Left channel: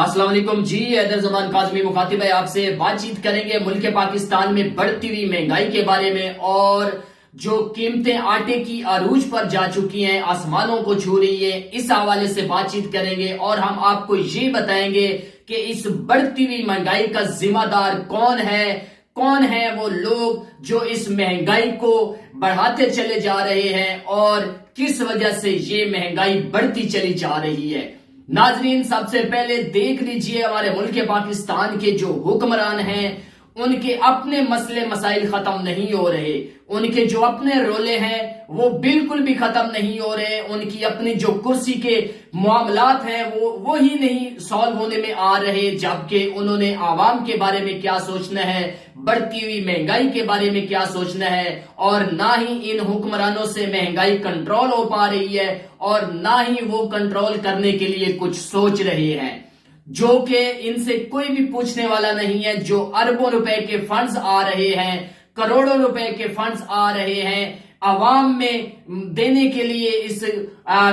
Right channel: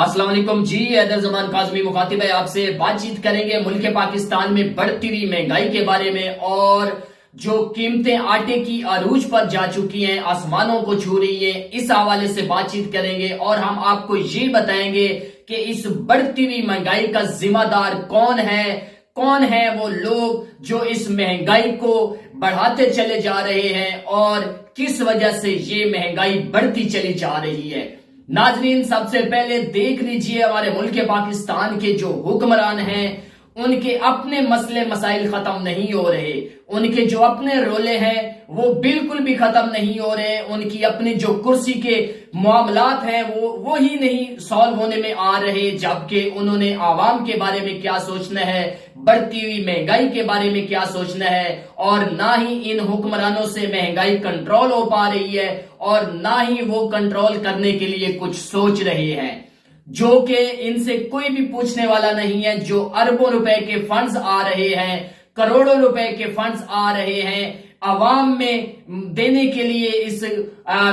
السلام علیکم جی، حیدر زمان کاظمی مخاطب ہے، آپ سے بات چیت کریں گے ملک پاکستان میں بڑھتی ہوئی مہنگائی کے بارے میں، اور جو قیمتیں آٹے کی عروج پر جا چکی ہیں، آسمانوں کو چھو رہی ہیں، اس حوالے سے بات چیت کریں گے اور ہم آپ کو یہ بتائیں گے کہ اس بڑھتی ہوئی مہنگائی کا ذمہ دار کون ہے وہ لوگ جو اس مہنگائی کو بڑھاتے چلے جا رہے ہیں اور کس وجہ سے یہ مہنگائی بڑھتی چلی جا رہی ہے۔ ناظرین، سب سے پہلے دیکھ لیجئے ہمارے ملک پاکستان کے جو حکمران ہیں، ان کے اپنے مسئلے مسائل ختم نہیں ہو رہے، ان کے جو اپنے رولے ہیں وہ بالکل بھی ختم نہیں ہو رہے، ان کی اپنی جو کرسی کے معاملات ہیں وہی نہیں سالو ہونے میں آ رہے، جبکہ انہوں نے عوام کے بارے میں کیا سوچنا ہے، بڑھتی ہوئی مہنگائی کے بارے میں کیا سوچنا ہے، اور نہ ہی ان حکمرانوں سے مہنگائی کنٹرول ہو پا رہی ہے اور نہ ہی وہ کنٹرول کرنے کے لیے کچھ سوچ رہے ہیں، جو کہ ان سے کوئی بھی پوچھنے والا نہیں ہے۔ جو اربوں روپے کے فنڈز آ رہے ہیں، کروڑوں روپے کے فنڈز آ رہے ہیں عوام میں دینے کے لیے، اس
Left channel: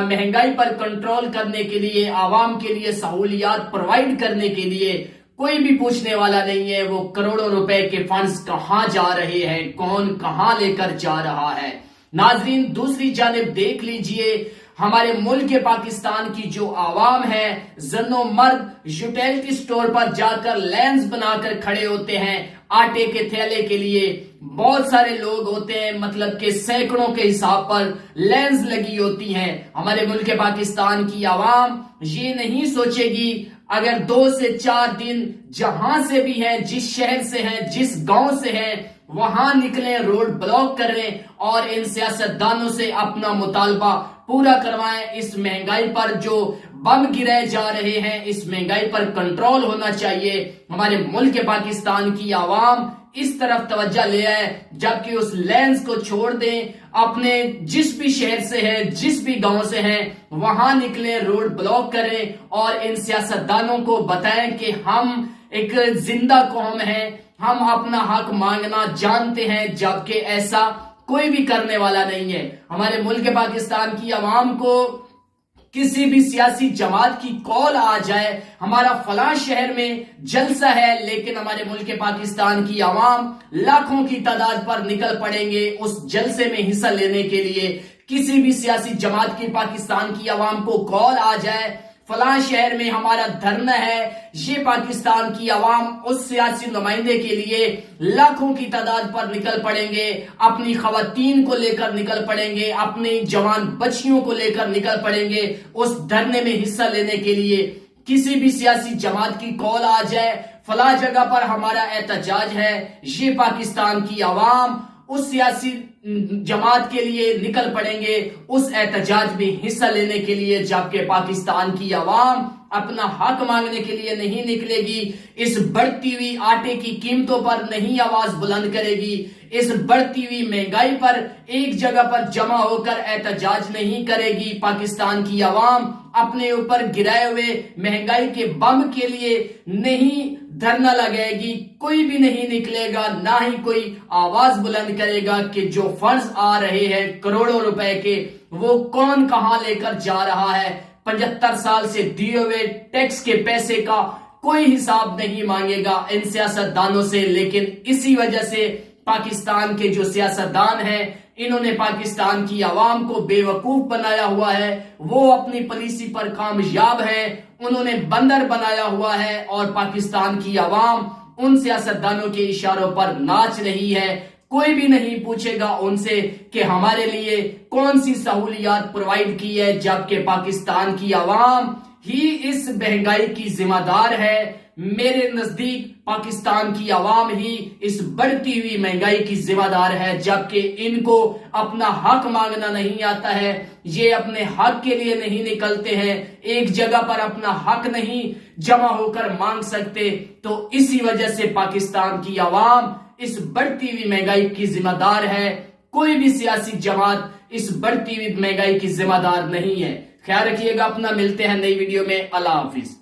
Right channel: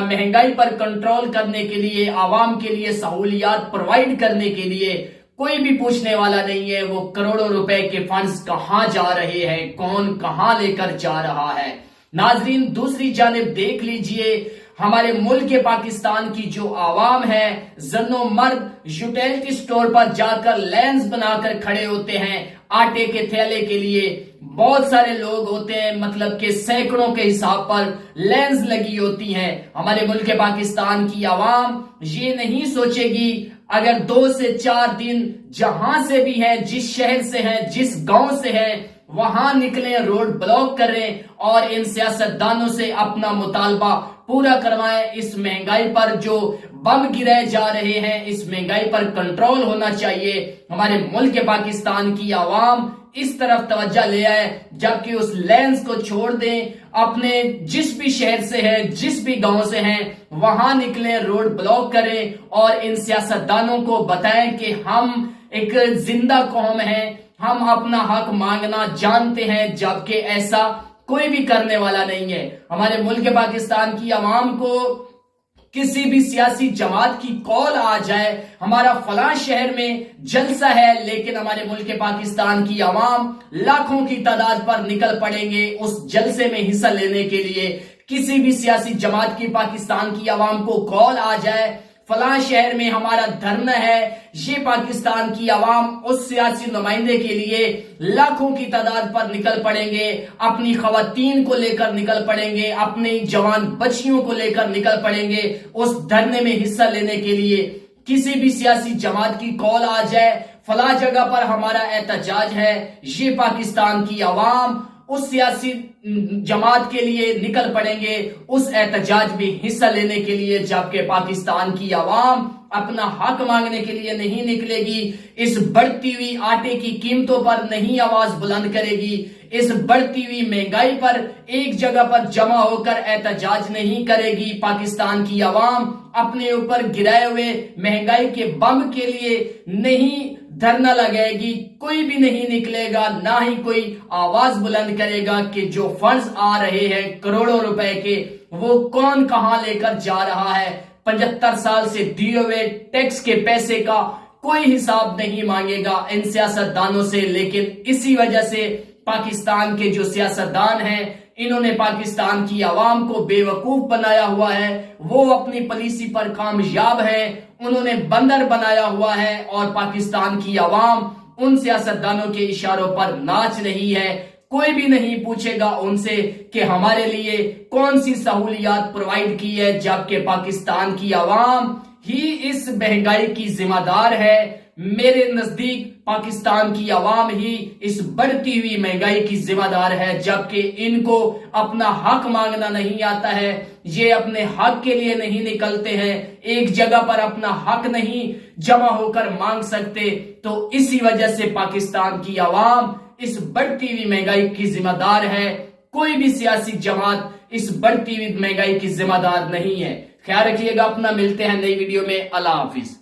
مہنگائی پر کنٹرول کرنے کے لیے، عوام کے لیے سہولیات پرووائڈ کرنے کے لیے، کوئی بھی پوچھنے والا نہیں ہے وہ کروڑوں روپے کے فنڈز کہاں جا رہے ہیں، کون کہاں لے کر جا رہا ہے۔ ناظرین، دوسری جانب دیکھ لیجئے ہمارے ملک پاکستان کی جو عوام ہے، زن و مرد یوٹیلٹی سٹور پر جا کر لینز بنا کر کھڑے ہوتے ہیں آٹے کے تھیلے کے لیے۔ بہت سارے لوگ ہوتے ہیں، مطلب کہ سینکڑوں کے حساب پر لینز لگی ہوتی ہیں۔ ہمارے ملک پاکستان کی عوام یہ نہیں سوچے گی اگر 2 سے 4 دن جہاں سے بھی ہیں، جس شہر سے ہیں، جس گاؤں سے ہیں، وہاں نکلیں، روڈ بلاک کریں اور ان سیاستدانوں سے اپنا مطالبہ پورا کروائیں۔ اس مہنگائی پر جو بم گرائے جا رہے ہیں، اس مہنگائی پر کنٹرول ہونا چاہیے۔ ہمارے ملک پاکستان کی عوام اس طرف توجہ لے آئے، جبکہ اس لینز کو چھوڑ دیں، اپنے جس بھی شہر سے ہے، جس بھی گاؤں سے ہیں، وہاں نکلیں، روڈ بلاک کریں اور ان سیاستدانوں کو بتائیں کہ ہم ایک زندہ قوم ہیں، ہم اپنا حق مانگنا جانتے ہیں، جبکہ ایسا کوئی بھی کرنے والا نہیں ہے۔ ہمارے ملک پاکستان کی عوام کو کسی بھی سیاسی جماعت کی کال آ جائے، ہمارا فلاں شہر میں جلسہ ہے، لیکن ہمارے ملک پاکستان کی عوام لاکھوں کی تعداد پر نکل پڑیں گے اس جلسے میں حصہ لینے کے لیے۔ کسی بھی سیاسی جماعت کی پاکستان کی عوام کو کال آ جائے فلاں شہر میں ہمارا دھرنا ہے، یہ پاکستان کی عوام اس سیاسی نمائندے کے لیے لاکھوں کی تعداد پر نکل پڑیں گے، اپنی خواتین کو لے کر نکل پڑیں گے، اپنی جوان بچیوں کو لے کر نکل پڑیں گے اس دھرنے میں حصہ لینے کے لیے۔ کسی بھی سیاسی جماعت کی کال آ جائے فلاں جگہ پر ہمارا احتجاج ہے، یہ پاکستان کی عوام اس سیاسی جماعت کے لیے نکل پڑیں گے اس احتجاج میں حصہ لینے کے لیے، جبکہ پاکستان کی عوام اپنا حق مانگنے کے لیے نہیں نکلے گی، اس بڑھتی ہوئی آٹے کی قیمتوں پر نہیں آواز بلند کرے گی، اس بڑھتی ہوئی مہنگائی پر ایک جگہ پر جمع ہو کر احتجاج نہیں کرے گی۔ پاکستان کی عوام اپنے اوپر گرائے ہوئے مہنگائی کے بم کے لیے نہیں دھرنا لگائے گی، کوئی بھی نہیں نکلے گا، نہ ہی کوئی آواز بلند کرے گا کہ جو فنڈز آ رہے ہیں کروڑوں روپے کے، وہ کون کہاں لے کر جا رہا ہے۔ 75 سال سے دیے ہوئے ٹیکس کے پیسے کا کوئی حساب نہیں مانگے گا ان سیاستدانوں سے، لیکن اسی وجہ سے پاکستان کے جو سیاستدان ہیں، انہوں نے پاکستان کی عوام کو بے وقوف بنایا ہوا ہے، وہ اپنی پالیسی پر کامیاب ہیں، انہوں نے بندر بنایا ہوا ہے، اور پاکستان کی عوام ان سیاستدانوں کے اشاروں پر ناچ رہی ہے۔ کوئی بھی نہیں پوچھے گا ان سے کہ ہمارے لیے کون سی سہولیات پرووائڈ کی ہے، جبکہ پاکستان کی عوام ہی اس مہنگائی کی ذمہ دار ہے۔ میرے نزدیک پاکستان کی عوام ہی اس بڑھتی ہوئی مہنگائی کی ذمہ دار ہے، جبکہ ان کو اپنا حق مانگنا نہیں آتا ہے، یہ اپنے حق کے لیے نہیں نکلتے ہیں، ایک جگہ پر اپنا حق نہیں جمع ہو کر مانگ سکتے، تو اسی وجہ سے پاکستان کی عوام اس بڑھتی ہوئی مہنگائی کی ذمہ دار ہے۔ کوئی بھی سیاسی جماعت اس بڑھتی ہوئی مہنگائی کی ذمہ دار نہیں ہے۔ خیال رکھیے گا اپنا، ملتے ہیں نئی ویڈیو میں، اللہ حافظ۔